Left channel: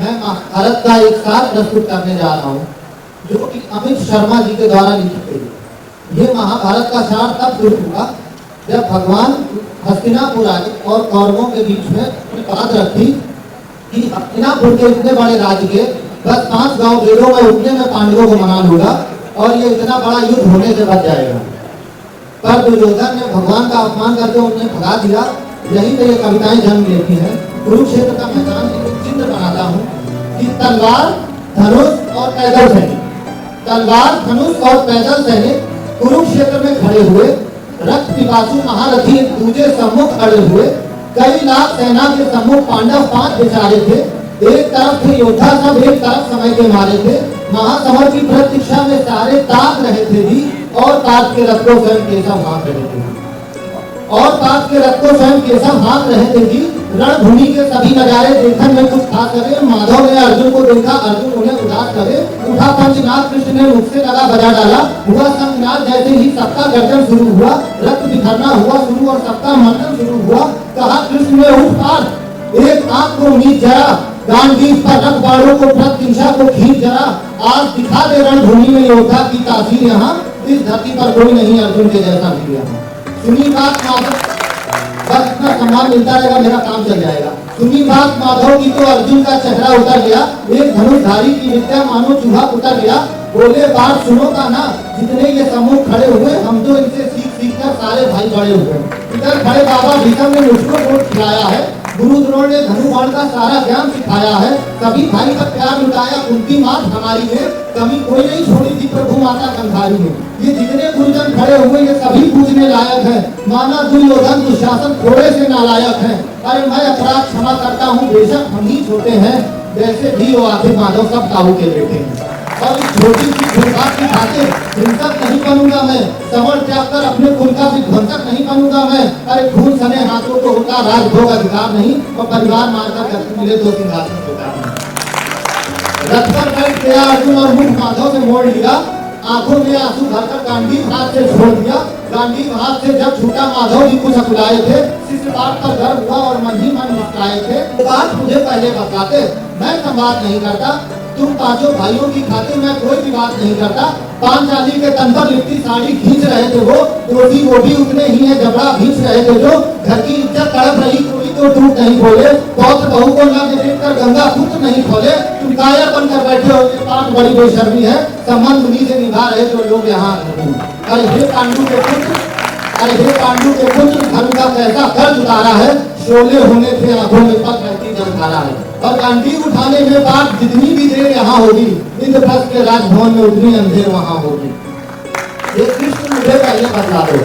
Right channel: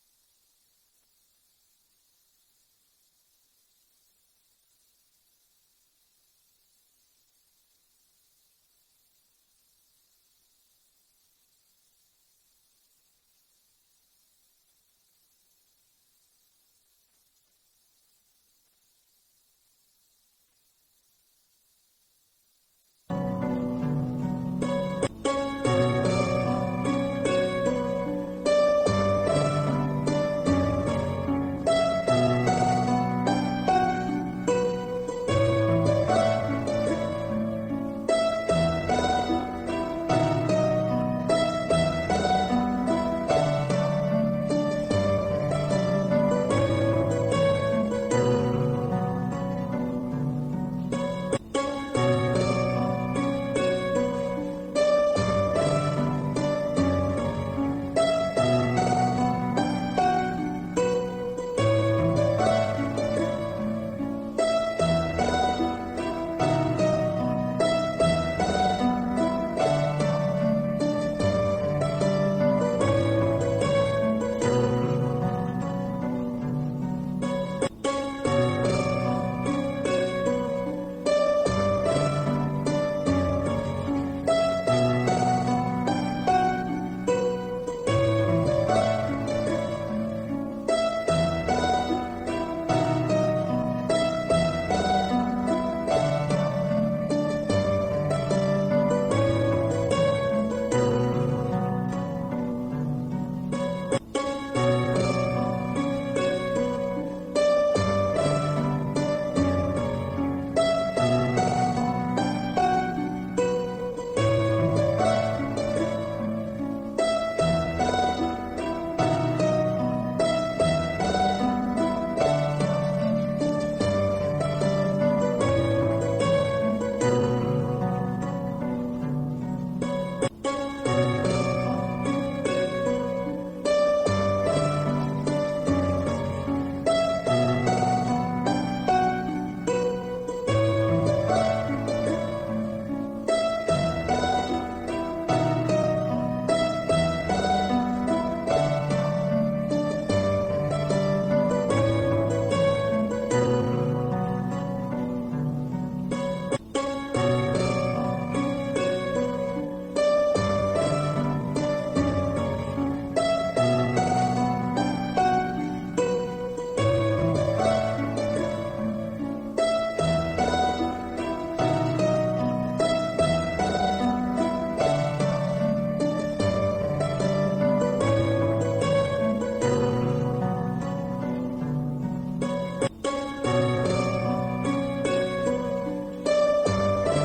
मैं महाभारत का एक साथ प्रस्तुत करने जा रहा हूँ, जो कि अमित शर्मा जी के द्वारा लिखी गई। ये महाभारत का सार तब शुरू हुआ जब भगवान हस्तिनापुर आए और कौरवों के बीच में बात रखी कि हस्तिनापुर के इतने बड़े राज्य के बस 5 गांव बेड़ों में उतने में पांडवों को मना लूंगा और ये इतना बड़ा युद्ध होने से बच जाएगा। पर दुर्योधन ने भगवान का अपमान करके उन्हें भगा दिया। यही पे ये कविताएं जन्म लेती हैं। कुरुक्षेत्र का मैदान एक चित्र बनाता हूँ कि तलवार, धनुष और पैदल सैनिक, तलवार, धनुष और पैदल सैनिक कुरुक्षेत्र में खड़े हुए, रक्त पिपासु महारथी एक दूजे सम्मुख खड़े हुए, कई लाख सेना के सम्मुख पांडव 5 बेचारे थे। एक तरफ थे योद्धा सब, एक तरफ समय के मारे थे। महासमर की प्रतीक्षा में सारे ताक रहे थे जी, और ताक के रथों स्वयं केशव हाँक रहे थे, और ताक के रथों स्वयं केशव हाँक रहे थे जी। रणभूमि के सभी नजारे देखने में कुछ खास लगे। माधव ने अर्जुन को देखा, अर्जुन उन्हें उदास लगे। उठा पंचनाद, कृष्ण ने मुख से लगा बजा डाला। हुआ संगनाद, जैसे ही सबका गर्जन शुरू हुआ, रक्त बिखरना हुआ शुरू और सबका मंथन शुरू हुआ। कहा कृष्ण ने उठ पार, एक आंख को नीच जरा, गांडीव पर रख बाणों को प्रतिशा को खींच जरा। आज दिखा दे रणभूमि में योद्धा की तासीर यहाँ, इस धरती पर कोई नहीं अर्जुन के जैसा किया। सुनी बात माधव, बस इतना सम्मान मिलता रहेगा, मेरा काम चल जाएगा। सुनी बात माधव की तो अर्जुन का चेहरा उतर गया। एक धनुषधारी की विद्या मानो चूहा उतर गया। बोले बात सुनो का ना, जितने ये समूह खड़े हुए, हम तो इनसे सीख कर सारे भाई बड़े हुए। इधर खड़े बाबा भीष्म ने मुझको वोट खिलाया है, गुरु द्रोण ने धनुबाण का सारा ज्ञान सिखाया है। सभी भाई का प्यार लुटाया, उनकी मात हमारी है, कभी कोई नहीं छोड़ी थी प्रभु माता कंधारी है। ये जितने गुरुजन खड़े हुए ये सभी पूजने लायक है। माना दुर्योधन दुशासन थोड़े से नालायक है। अरे मैं अपराध क्षमा करता हूँ, बेशक हम ही छोटे हैं, जैसे भी वो आखिर माधव सब काबू के बेटे हैं। और इस छोटी सी फुलबात की खातिर हिंसक नहीं बनूंगा मैं, समर त्याग कर अपने कुल का विध्वंसक नहीं बनूंगा मैं। अरे खून सने हाथों को उनका राजभोग अधिकार नहीं, और परिवार मानकर व्यक्ति मिले तो सिंहासन होता है। रथ पर बैठ गया अर्जुन और मुख माधव से मोड़ लिया। आंखों में आंसू भरकर गांडीव हाथ से छोड़ दिया। गांडीव हाथ से जब छूटा माधव जी कुछ अकुलाए थे। इस बात पर गर्व हुआ और मन ही मन मुस्कुराए थे। बात मुझे पहले बताते, मैं संवाद नहीं करता। तुम 5 भाइयों की खातिर मैं कोई भी बात नहीं करता। पांचाली के तन पर लिपटी साड़ी खींच रहे थे वो भी उतने ही है जबड़ा खींच रहे थे जो। घर की इज्जत तड़प रही, कोई तो टूट नहीं खोले। पौत्र बहू को न देखकर गंगा सूत्र नहीं खोले। तुम कायर बनकर बैठे हो, ये बात बड़ी बेशर्मी है। संबंध उन्हीं से निभा रहे जो लोग यहाँ। अरे हे पांडु के पुत्र, अरे हे पांडु के पुत्र, धर्म का कैसा कर्ज उतारा है। शोले होने थे आंखों में पग करती जलधारा है। और गांडीव उठाने में बात जितनी भी देर यहाँ होगी, इंद्रप्रस्थ के राजभवन में उतनी अंधेर वहाँ होगी। ये कृष्ण मुझे पहले बता दो,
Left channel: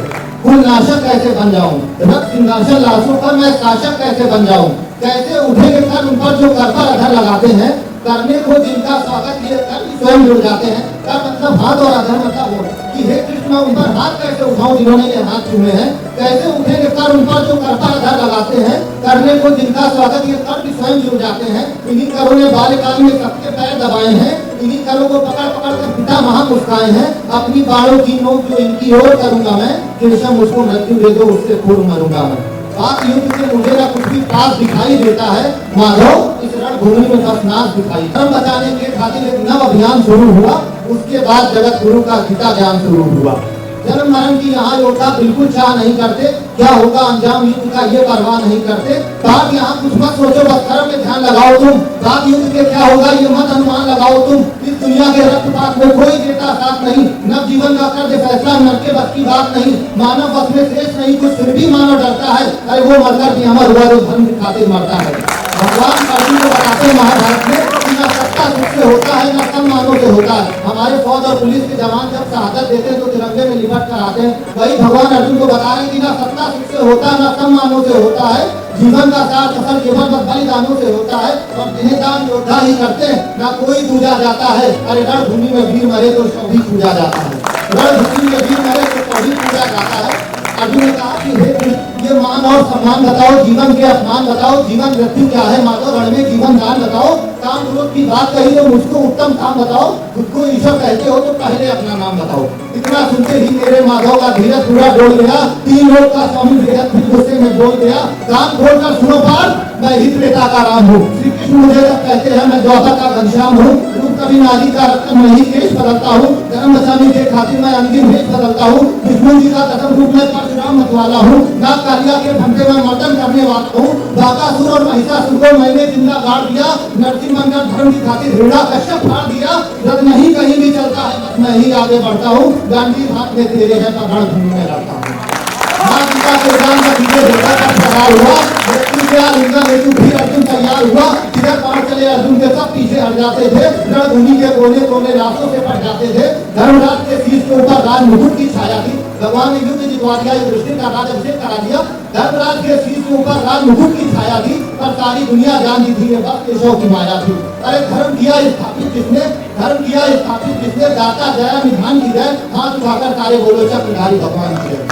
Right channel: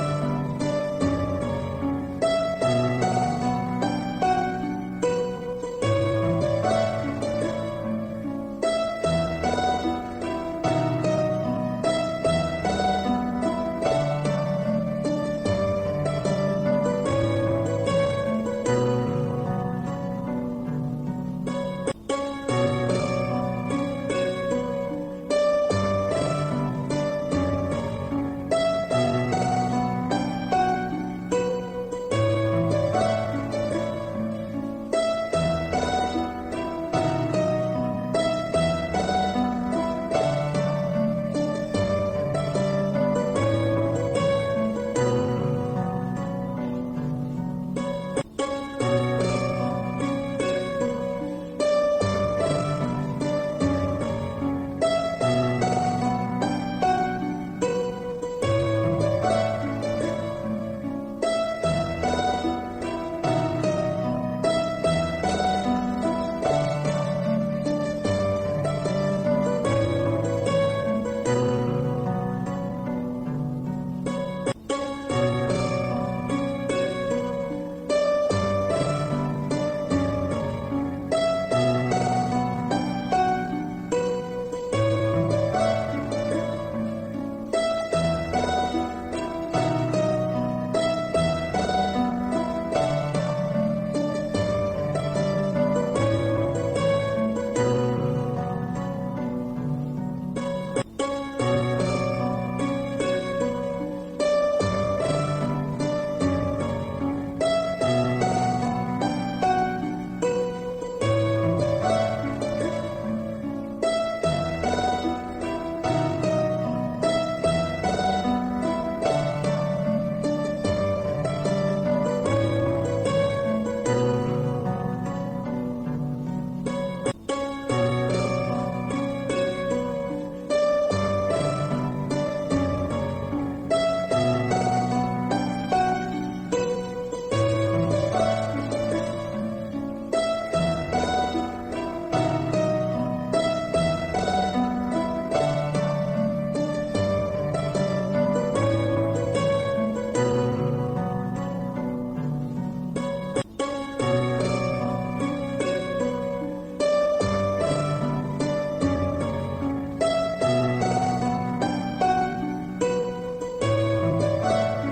कुल नाशक कैसे बन जाऊं, रक्त सिंहासन लाशों पर मैं शासक कैसे बन जाऊं। कैसे उठेंगे कर उन पर जो कर पर अधर लगाते हैं, करने को जिनका स्वागत ये कर स्वयं जुड़ जाते हैं। का मतलब हाथ और अधर मतलब वो कि हे कृष्ण उन पर हाथ कैसे उठाऊं जिन्होंने ये हाथ चूमे हैं। कैसे उठेंगे कर उन पर जो कर पर अधर लगाते हैं, करने को जिनका स्वागत ये कर स्वयं जुड़ जाते हैं। इन्हीं करों ने बाल्यकाल में सबके पैर दबाए हैं, इन्हीं करों को पकड़ पकड़ कर पिता महा मुस्काए हैं। अपनी बालों की नोक जो इनकी ओर करूंगा मैं, कृष्ण मुझको मृत्यु दे दो उससे पूर्व मरूंगा मैं। बात युद्ध से मुझे ना कुछ भी पास दिखाई देता है। माधव इस रणभूमि में बस नाश दिखाई। धर्म बचाने के खातिर एक नव अभियान शुरू हुआ। उसके बाद जगत गुरु का गीता ज्ञान शुरू हुआ। जन्म मरण की यहाँ योद्धा बिल्कुल चाह नहीं करते, क्या होगा अंजाम युद्ध का ये परवाह नहीं करते। बात यहाँ कुछ मत सोचो, बस कर्म पे ध्यान लगाओ तुम। बात युद्ध के क्या होगा ये मत अनुमान लगाओ तुम। इस दुनिया के रक्तपात में कोई देता साथ नहीं, नव जीवन का कर्ज फैसला नर के बस की बात नहीं। मानव बस में शेष नहीं कुछ, फिर भी मानव डरता है। अरे वो मरकर की अमर हुआ जो धर्म की खातिर मरता है। भगवान अर्जुन को बताते हैं महाभारत में कि न सत्ता से होता है न सम्मानों से होता है। हमारे फौज और पुलिस के जवान जब शहादत देते हैं तो तिरंगे में लिपट कर आते हैं। वही भगवान अर्जुन को बता रहे हैं कि न सत्ता से होता है न सम्मानों से होता है। जीवन का साथ फसल केवल बलिदानों से होता है। और इन्हें दान योद्धा ही करते हैं, न कोई पूजा जाता है। अरे रणभूमि में वीर मरे तो सभी पूजा जाता है। रणभूमि में वीर मरे तो सभी पूजा जाता है। अर्जुन ने कहा कि हे ये मान और सम्मान बताओ, जीवन के अपमान बताओ, जीवन मृत्यु क्या है माधव रण में जीवन दान बताओ। काम क्रोध की बात कही तो मुझको उत्तम काम बताओ। खुद को ईश्वर कहते हो तो पहले अपना नाम बताओ। इतना सुनते ही मेरे माधव का धीरज पूरा डोल गया। 3 लोग का स्वामी बेहद भी गुस्से में बोल गया, कान खोलकर सुनो पार, मैं हित नेता का राम हूँ। श्री कृष्ण मुझे कहते हैं मैं द्वापर का घनश्याम हूँ, रूप कभी नारी का रत्न नहीं केश बदलता हूँ, धर्म बचाने के खातिर मैं अंतिम भेष बदलता हूँ, विष्णु जी का कसम रूप में परशुराम मतवाला हूँ, नाग कालिया के फंदे में मर्दन करने वाला हूँ, बाकासुर और महिषासुर को मैंने जिंदा गाड़ दिया, नरसिंह मंगल धर्म की खातिर हिरणा कश्यप फाड़ दिया, रथ नहीं कहीं भी चलता है बस मैं ही आगे बढ़ता हूँ, गांधी हाथ में तेरे है तो रण घूमने लड़ता हूँ। माँ पिता के दान का पीछे देखा का सवाल हुआ, व्यक्ति से उनका हेतु फिर अर्जुन तैयार हुआ, किधर पार चले अर्जुन के सब पीछे हट जाते थे, रणभूमि के कोने कोने रास्तों से पट जाते थे, धर्मराज के शीश के ऊपर राज मुकुट की छाया थी, भगवान ने युद्ध जितवा दिया, युधिष्ठिर का राज अभिषेक करा दिया, धर्मराज के शीश के ऊपर राज मुकुट की छाया थी, पर सारी दुनिया जानती थी ये बस केशव की माया थी। अरे धर्म किया स्थापित किसने, धर्म किया स्थापित किसने, दाता दया निधान की जय, हाथ उठाकर सारे बोलो चक्र भगवान की।